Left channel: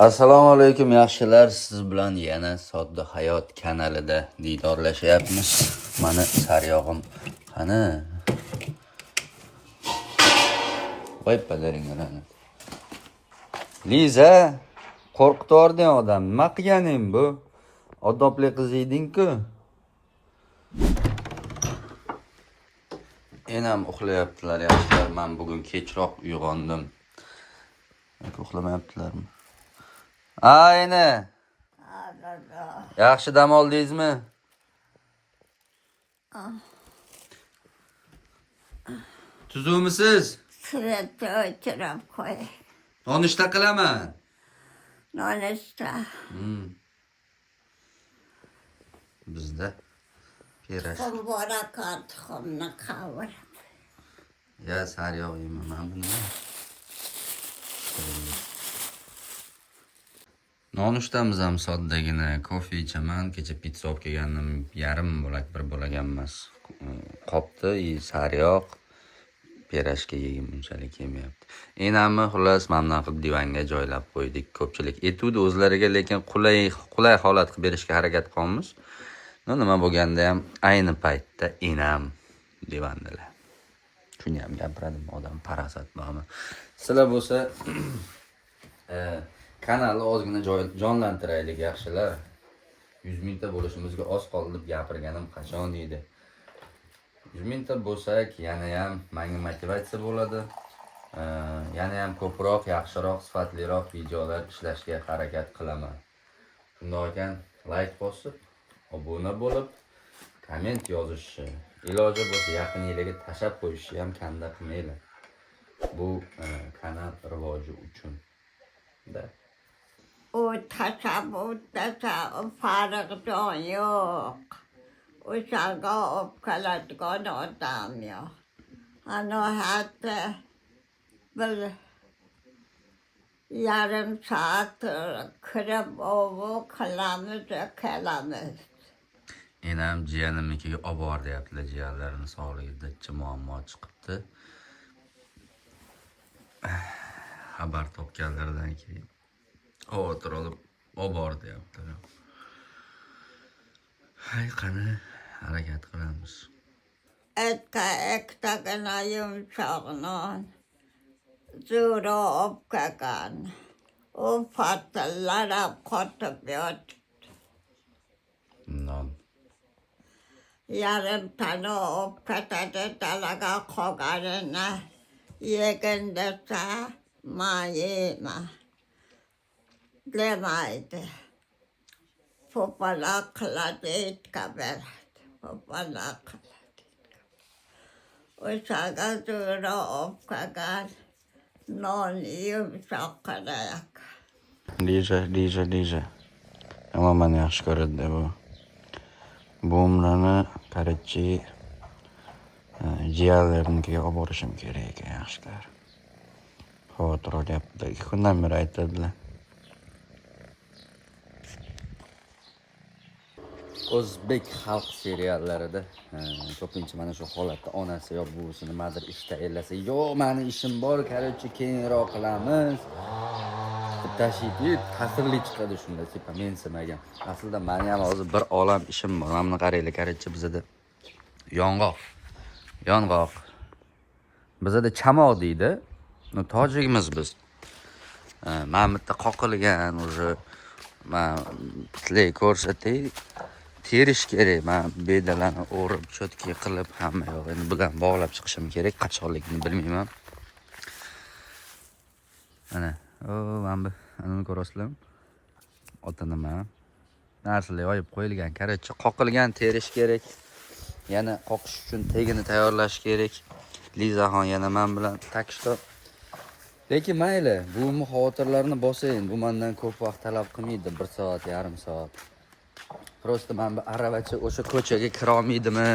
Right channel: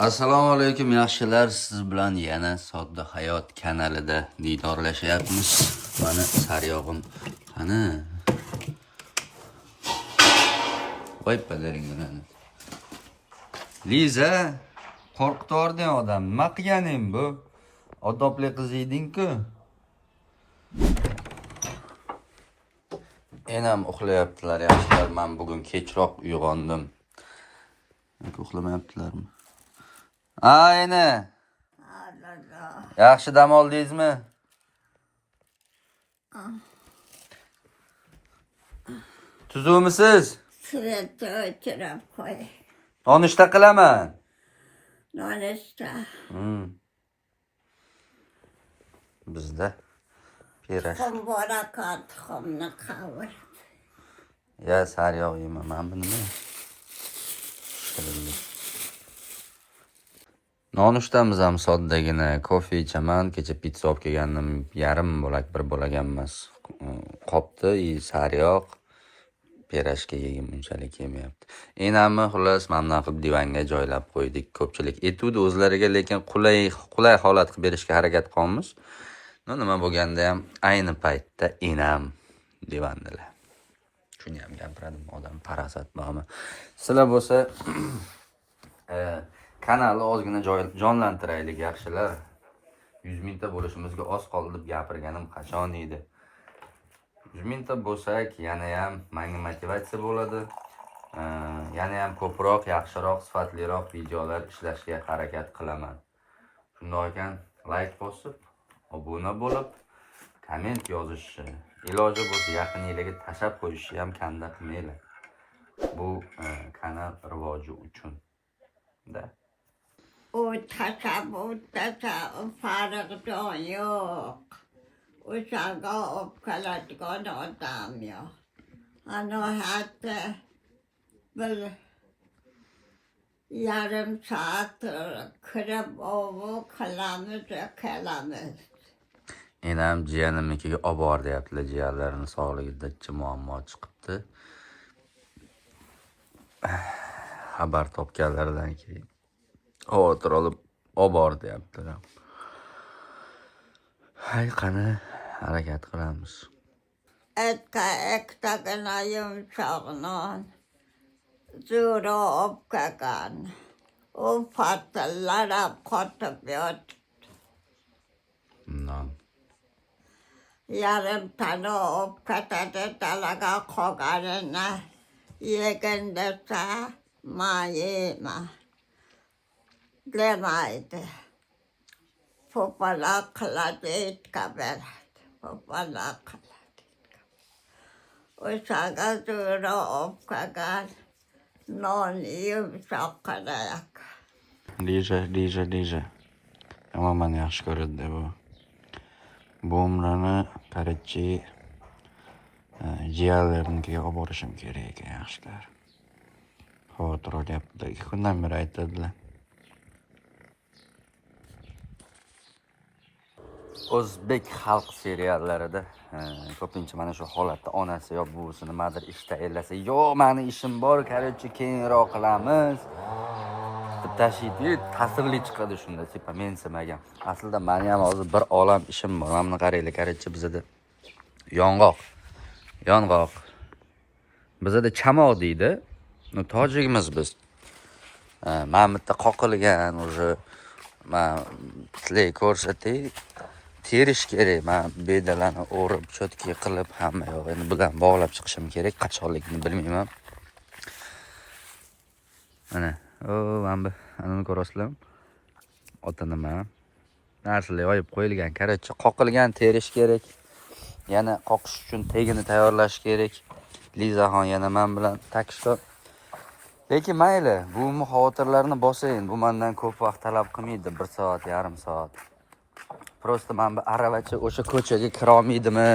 Assalomu alaykum yaxshilar, siz bilan yana Sodda Hayot kanalida diydorlashyapmiz. Mana saryog'im qani? Voy palaringlarni. Liza, qo'rqitib yording odam. Nima qilganing bu? Odobli qiz eding-ku. Enam uxlayaptilar yaxshilar. Men bugun kechroq uyg'ondim. Uxlamayaptilarmi? Ayni. Yaxshi dam oldingizmi? Tuzumisiz? Suratda o'tirib qo'y. Nonushta qilaman. Nonushta. Bizda pirash. Qo'mbora qattiqimni qavur. Ya saryog' yeyman, men buni. Nonushtamız ham soddagina, kofe ichaman. Kecha pizza olib kelgandim, yarim bo'lak, bir bo'lak emas. Qopdi, saryog', pirashga yegim unchalik yemayapti. Enamni xullas mamnun qilib divanga joylab qo'ydik. Ko'pchilik etudi o'zlariga, lekin qulay holat qilib berishga harakat qilamiz. Nima bo'lganda ham ayni paytda enam divandalar. Shuni ham gapiradim, odam parasat bormi? Sizlar bo'lsa kanalni ozgina jonlantiraylik yaxshilar. 100 mingta bo'lishimizga oz qoldi deb gapirganim qachon edi. 100 mingta bo'lsak, yana ham menga motivatsiya bo'ladi. Yana ham ko'proq, yaxshiroq, sifatliroq videolar ishlashga harakat qilaman. Shunday ekan, like bosib, obuna bo'lib, komment yozishni, iloji bo'lsa yaqin yillarga tashab qo'yishni ham kanda qilmaylar. Bu kanal rivoji uchun. O tashabbusda farq jon yo'q. O'shanga olib keladigan odam yo'q. Ana hatta bir yarim soat kirib qilamiz, kelamiz. Enam jiyanimnikiga olib bor deyaptilar, jiyanlarini sog'ligida muammo chiqibdi. Xabar topganlaridan keyin xavotir olib bor deyaptilar. Hay qani, harakat qilamiz. Ekkagina yumshoq non zo'ra olib kelgan. U patillarab qotib yotibdi. Non. Yarim tana olib ketadi, dalaga qolganini yegin desa, men yeyman demaydi. Po'pala qiladi, itga beradi. Po'pala qiladi. O'shaga zo'ra olib kelgan non yumshoq qiladi. Liza. Ama meni yaxshi ko'radi bu. Bu umrani qarachi jiyanlarnikiga olib borishim kerak ekan yaxshilar. Xavotir olyapti. 2 kundan beri aytadilar. O'zbek xalq seriallarida ko'pincha mana shu holatda onasi yo buvisi nimadir ishda ellasa, "Yo, meni ishim bor, qarachi keyinroq qilamiz." Tashiydi, ta'sirli chiqadi shunda, sepa mensimagan. Aslida meni ham hozir bir olam ishim bor. Mana buni qaranglar, qarachi bizada yong'oq. Bizada chamoq deydi. Tojikmiz biz. Men bitta qoqilgan уже men ko'rsatay. Terish kerak. Men bedalarni o'rib, chotki qilib hamma yog'ini bilan bog'lab chiqishim kerak. Qachonligini bilmayman. Mana, mana buni ko'rasizlarmi? Ota nima? Narsalar yoyib qo'yilgan, qarachi qoqilgan, terish kerak. Yana qoqish uchun tegini tayyorlash kerak. Lizaxon yana men bilan takishdi. Lekin mayli, bu xavotirlarni bosing. Bu mendan ko'p vaqt talab qilmaydi, 1 soat, yarim soat. Prosta men bir aravacha o'sha ko'chaga kira olmaydimi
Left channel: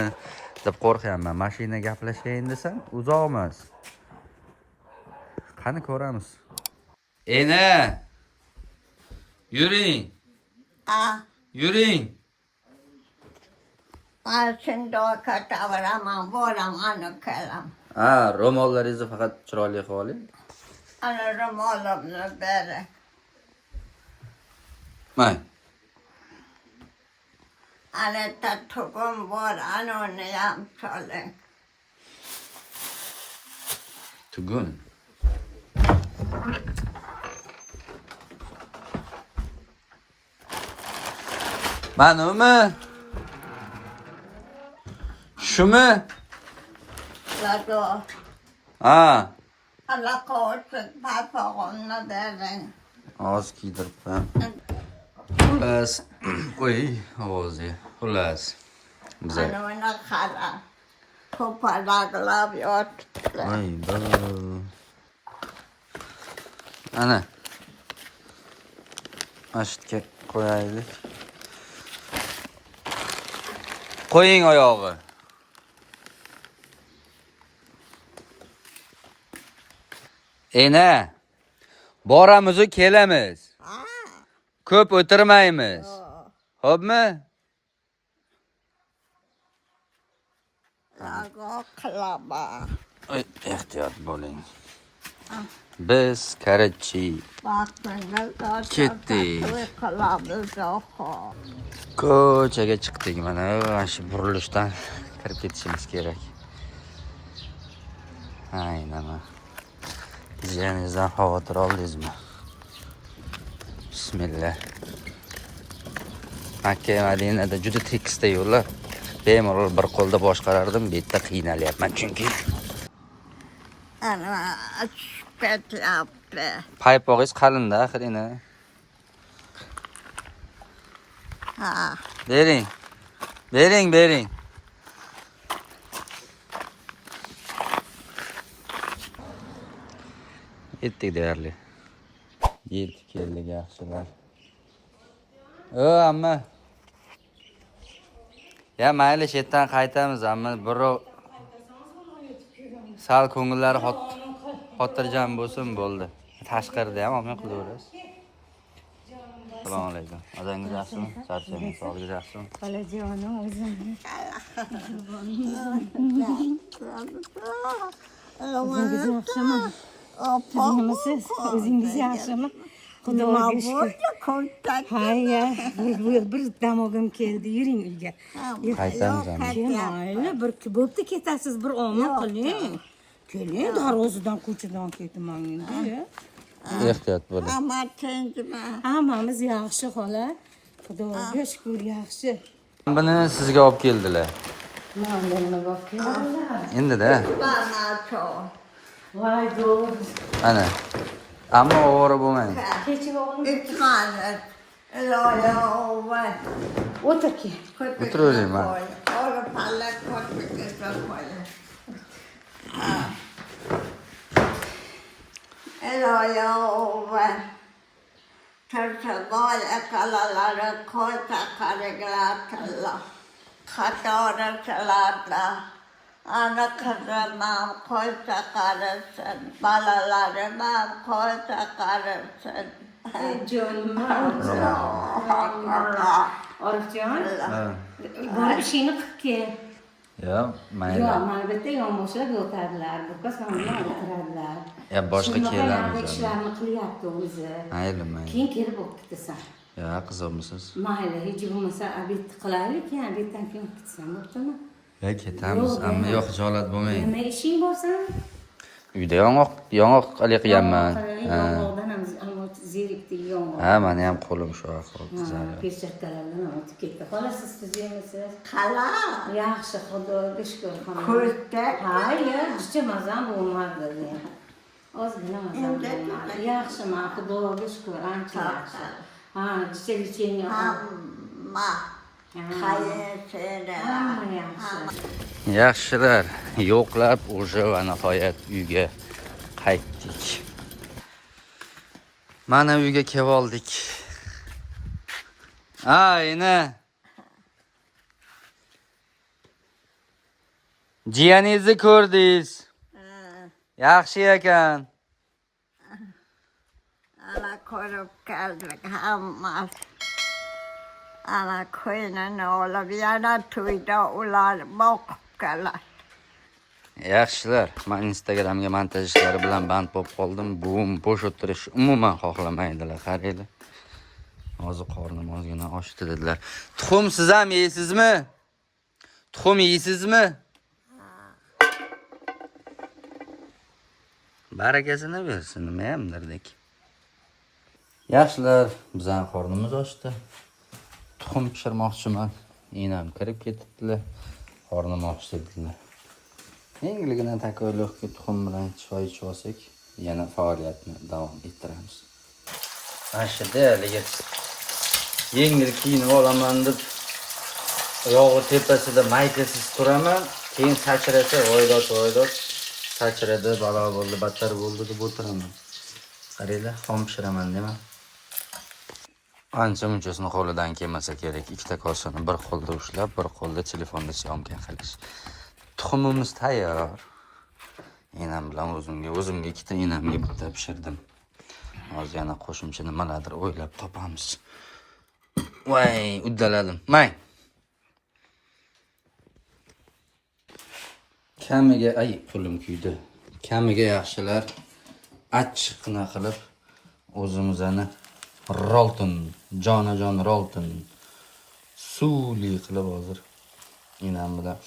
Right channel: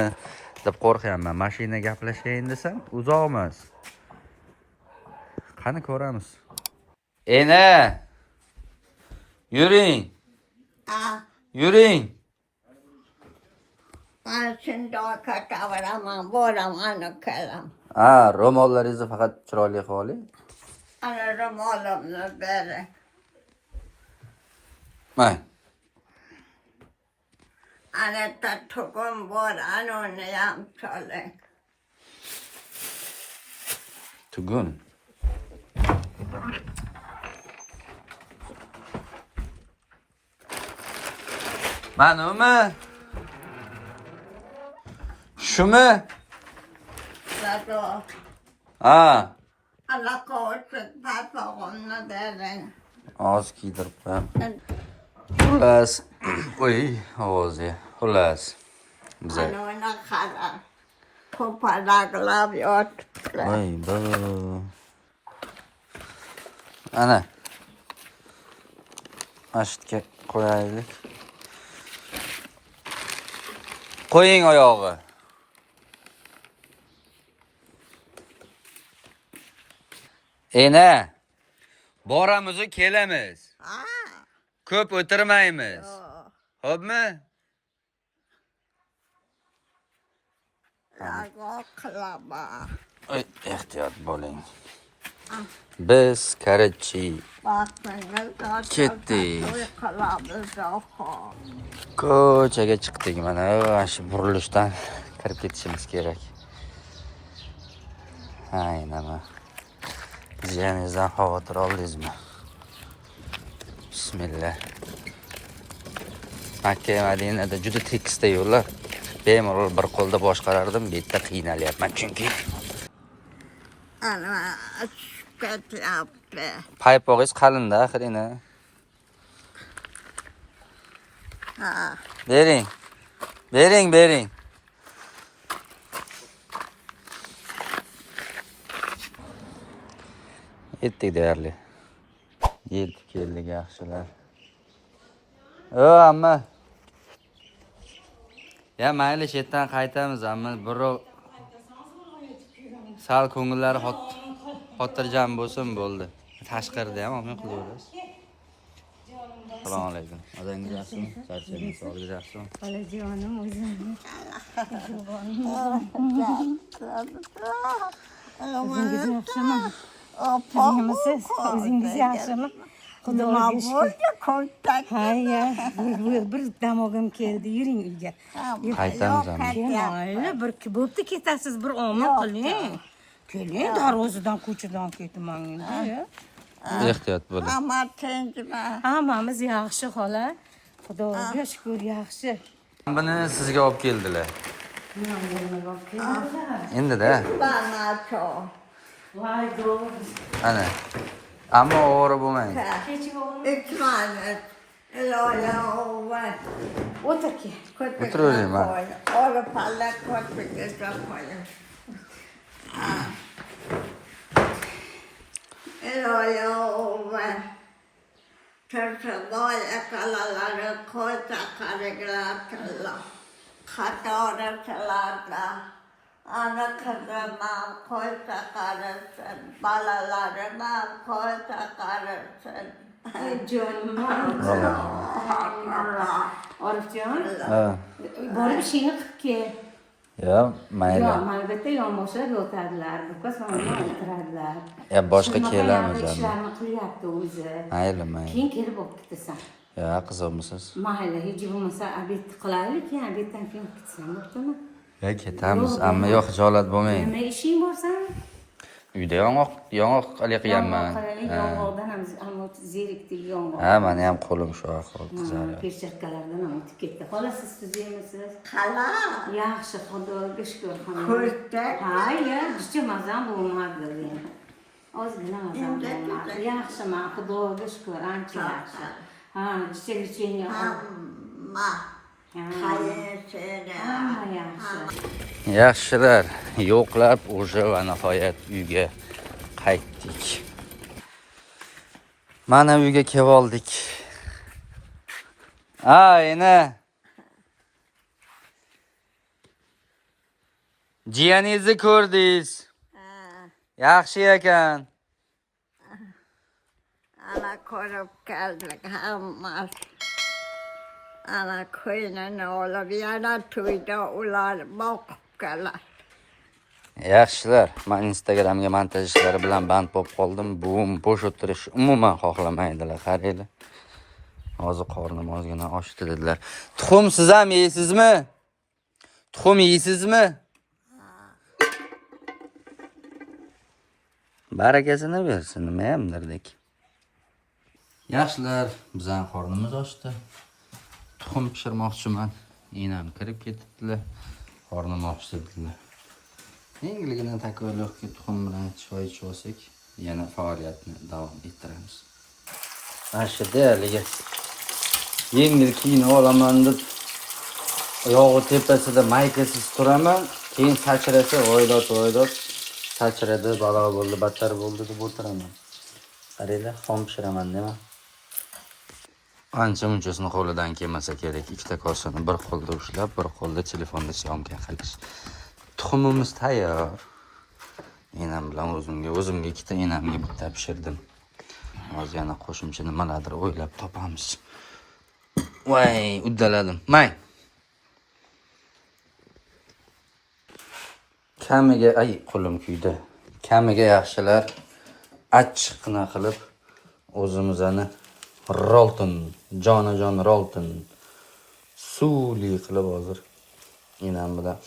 deb qo'rqyapman. Mashina gaplashayin desam, uzoq emas. Qani ko'ramiz. Ena! Yuring. Yuring. Men shundoq ketaveraman, boraman, kelam. Ro'mollaringizni faqat chiroyli qilib oling. Ana ro'molimni bering. May. Anetta tugum bor anoniyam soling. Tugun. Manumi? Shumi? Sado. Ha. Alla ko'chik papag'imni bering. Oz kiydiribman. Xullas. Voy, ovozi. Xullas. Biza. Anoni qara. Ko'palaklab yotibdi. Voy, bu. Ana. Mashitga qo'yaylik. Qo'ying oyog'i. Ena. Boramiz, kelamiz. Ha? Ko'p o'tirmaymiz. Xo'pmi? Nago qilaba. Ehtiyot bo'ling. Biz Karachi ketdik. Ko'chaga chiqdik. Mana shu burilishdan kirib ketishimiz kerak. Aynama. Jiyaningizdan xavotir oldingizmi? Bismillah. Makka Madinada juda tekisda yo'llar. Bemalol bir qo'lda boshqarardim, bu yerda qiynalyapman chunki. Ana ketyapti. Paypog'ingiz qalinda axirina. Ha. Bering. Bering. Yetdik deyarli. Yetdik keldik yaxshilar. Amma. Ya mayli shetdan qaytamiz, amma birov sal ko'ngillari xotirjam bo'lsin bo'ldi. Tashqarida ham olmay qilaverasiz. Assalomu alaykum. O'zingiz yaxshimi? Charchamingiz, sog'ligingiz yaxshimi? Bolajonim o'zimni. O'zingiz yaxshimi? Qizimisiz? O'zingiz yaxshimi? Xudoga shukr. Hayya, bir damog'im keldi. Yuring uyga. Qaytamiz amma. Mayli, bir bo'pti ketasiz, bir omad qiling. Keling, darvozadan ko'chadan ketmang endi. Ehtiyot bo'ling. Ammo tinchmi? Hammamiz yaxshi xola. Xudoga shukr yaxshi. Buni sizga olib keldilar. Endi-da. Banacho. Voy do'q. Ana. Ammo ovora bo'lmang. İtmani. Lola ovan. O'tirki. O'tiravering, ma. Ola palla ko'rsaga qo'ying. Lola ovan. Tersaboy akalalari ko'ta qariglatilla. Qatorishlarda. Ana kızımam ko'ta qarasın. Balalarim ham ko'ta qarasın. Jonim. Orifjon, Ha. borib ishingni qilib kel. Ya, mayli. Yo'q, albatta yonboshlab yotadilar, buqa songa o'tiradilar. Ya boshqa kelamiz. Ishlarni qilyapti o'zi. Mayli. Keyin kelib olib ketasan. Ya, qiziqmisiz? Mayli, hech bo'lmasa obed qilaylik, keyin obeddan keyin ketasan, bo'ptimi? Ya, ketamiz. Ammo yo'q, hijolat bo'lmang. Nima ishing borsan? Uyda yong'oq qilyapman. Yong'oqdan ham zerikdik yong'oq. Ha, meni ham qo'lim shu ahvol qizarib. Peshakkalardan ham o'tib ketdi. Xola siz tuzyapmisiz? Qala. Yaxshi, xudoga shukr. Ko'ta. Hayır, hiç mazam bo'lmadi. Ozgina mazam bo'lmadi. Yaxshiman, xudoga shukr, ancha yaxshi. Ha, jichelicheni Hamma. Qayerda? hamma yaxshi. Yaxshilar, yo'qlab o'sha va nihoyat uyga qaytdik. Mana uyga kelib oldik. Ayna. Jiyaningizni ko'rdingiz. Yaxshi ekan. Ana ko'rib keldik hammasi. Ana qo'ynini olib yana to'yda ular boqib keladi. Yaxshilar, men Instagramga montaj ishlari bilan band bo'lib qoldim. Bo'sh o'tirish umuman xohlamaydilar, qaranglar. Hozir qornim ozgina ochdi dedilar. Tuxum siz ham yeysizmi? Tuxum yeysizmi? Barakasini bersin, nima ham derdik. Yaxshilar, bizning qornimiz ochdi. Tuxum pishirmoqchiman. Enam kirib ketibdilar. Qornim ochdi dedilar. Endigina takoylikka tuxum bilan choy ichib olsak, yana faoliyatni davom ettiramiz. Ashida haligi yengil kiyinib olaman deb oyog'i tepasida maytasiz turaman, keyin sachrasa voydot sachradi, balo bo'ldi, battar bo'ldi deb o'tiraman. Qaranglar, xom pishiraman nima? Ancha munchasini qo'lidan kelmasa kerak. Ikkita kosani bir qo'lda ushlab, bir qo'lda telefonda syomka qilish. Tuxumimiz tayyor. Enam bilan o'zimga ikkita, enamga bitta pishirdim. Hozir yana qo'shimcha nimalardir o'ylab topamiz. Voy, uddaladim. May. Kamiga, qo'lim kuydi. Kamiga yaxshilar achchiqna qilib o'zimizani rolton, jonajon rolton suvli qilib hozir enam bilan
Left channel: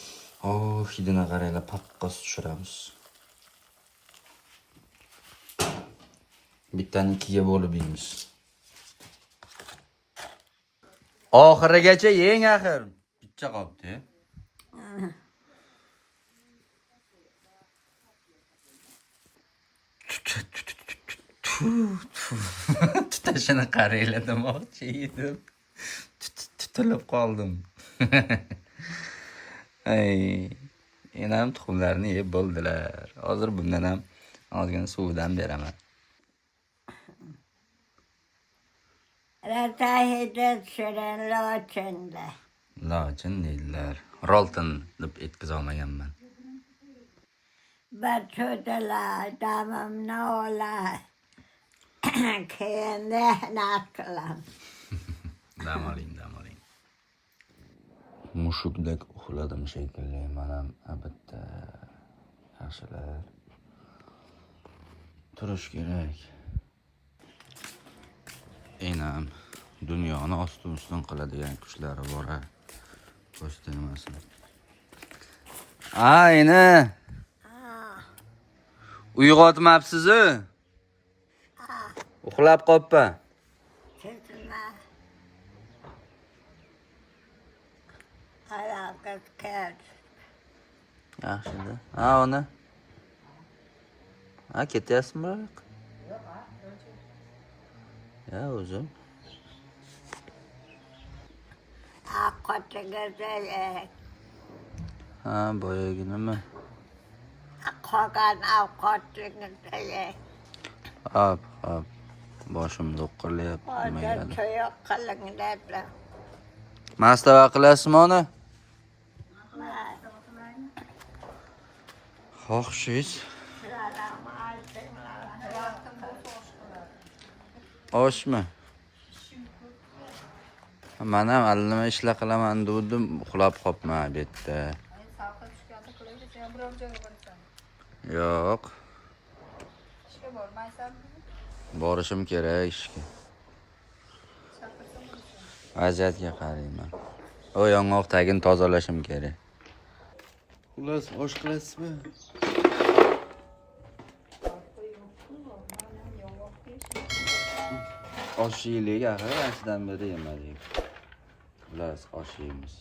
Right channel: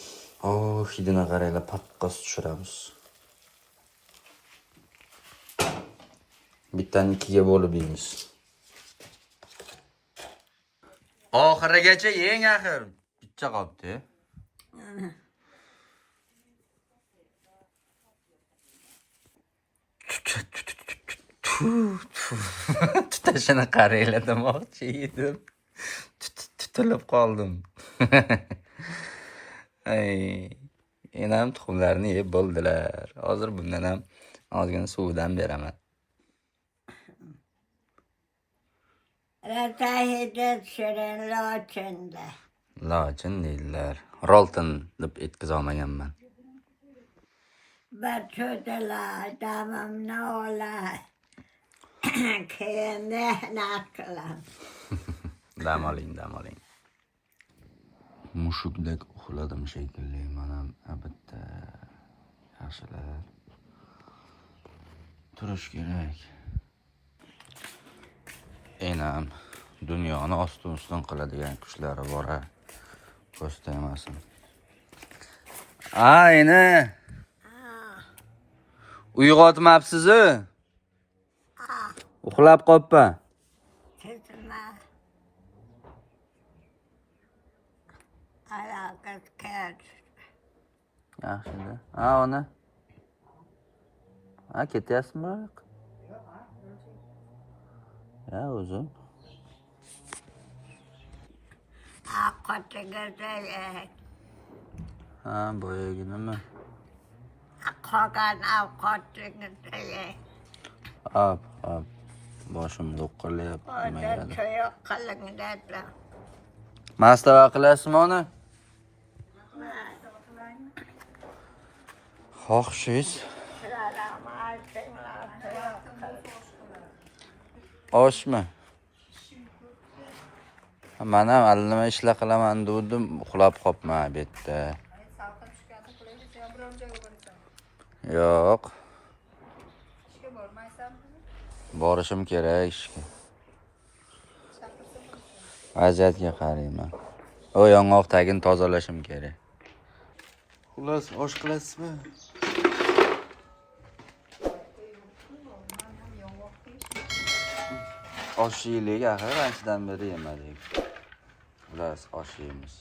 hidini qaranglar, paqqos tushiramiz. Bittani ikkiga bo'lib yeymiz. Oxirigacha yeng axir. Bitta qolibdi. Tutashini qaranglar demoqchi edim. Tutilib qoldim. Enam tuxumlarni yeb bo'ldilar. Hozir bundan ham ozgina suvdan beraman. Ratahida tushirin lochinda. Lochin deydilar. Rolton deb etkiz olmaganman. Batcho'dalar, damimni olay. Keyin mehnat qilaman. Dam oling. Mushukdek uxladim shekilli. Mana bitta yaxshilar. Turish kerak. Enam dunyoni ostin-ustin qiladigan kuchlari bor. Ko'sta emasin. Ayni. Uyg'otmabsiz-ku? Uxlab qoppa. Sizma. Alaqat keldi. Yaxshida. Ona. Ketyapsizmi? Ya o'zim. Qo'tiga Boyagi nima? qolgan ovqatingizni Hop. Boshim do'qqilayapti, mayli. to'yoq qilinglar. Mastava qilasizmi ona? Xo'shingiz. Oshmi? Men ham allama ishlar qilaman dedim, uxlab qopman bu yerda. Yo'q. Borishim kerak ishga. Vaziyatga qarayman. O yong'oq tagini tozalashim kerak. Xullas, osh qilasizmi? Osh yeylik, axir anchadan beri yemadik. Xullas, osh yeymiz.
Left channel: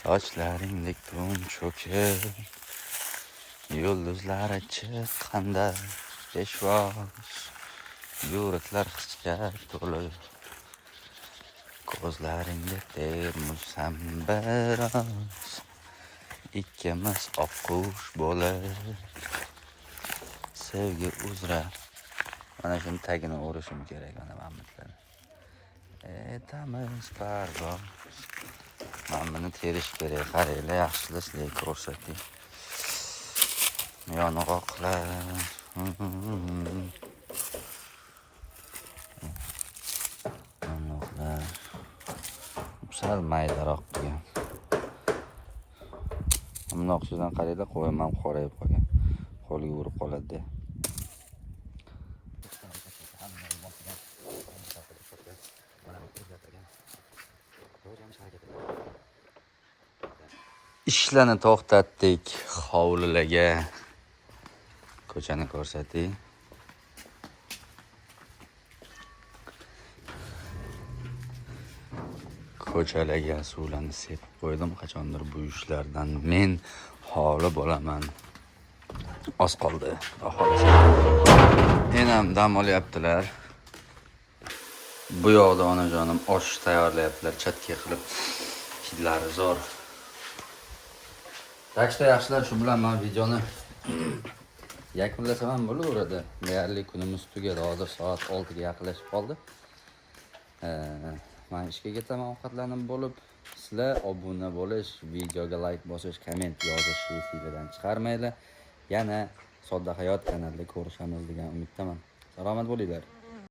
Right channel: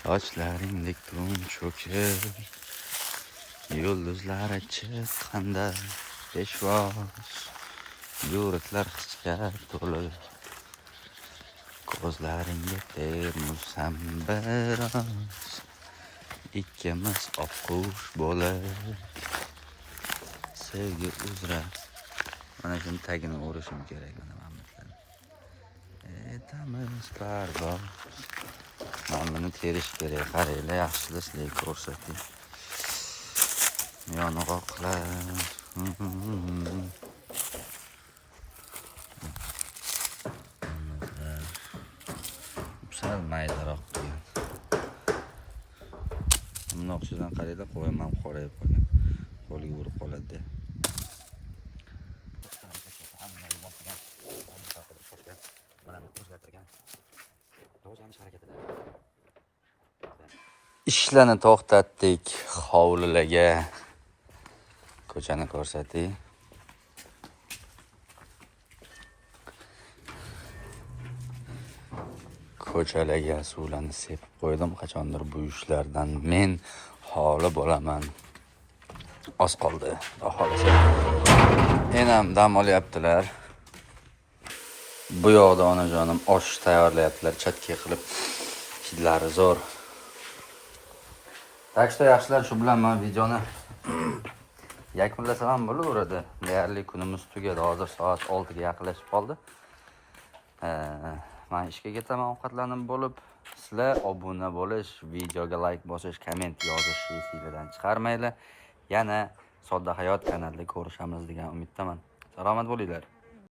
Sochlaringdek tun cho'kib, yulduzlar chiqqanda peshvoz, yuraklar hisga to'lib, ko'zlaringga termulsam biroz, ikkimiz oqqush bo'lib, sevgi uzra. Mana shuni tagini o'rishim kerak ana mamlakat. Etamiz parvoz. Mana buni terish kerak. Qaranglar, yaxshilab sizlarga ko'rsating. Yong'oqlar. Yong'oqlar. Sal maydaroq qilgan. Bundoq ustidan qarayda qo'yim ham qorayib qolgan. Qo'liga urib qoladi. ishlarni to'xtatdik. Hovlilarga ko'chani ko'rsating. Ko'chalarga suvlarni sepib qo'ydim. Qachondir bu ishlardan men holi bo'laman. Oz qoldi. Xohlasa. Enam dam olyaptilar. Bu yoqda onajonim osh tayyorlayaptilar, chatki qilib. Hidlari zo'r. Tak что yaxshilar, shu bilan men videoni yakunlasam ham bo'laveradi. Deyarli kunimiz tugadi. Hozir soat 6 ga yaqinlashib qoldi. Men ishga ketaman ovqatlanib bo'lib. Sizlar obuna bo'lish, videoga like bosish, komment yozish videodan chiqarmaylar. Yana Sodda hayot kanalida ko'rishamiz degan umiddaman. Salomat bo'linglar.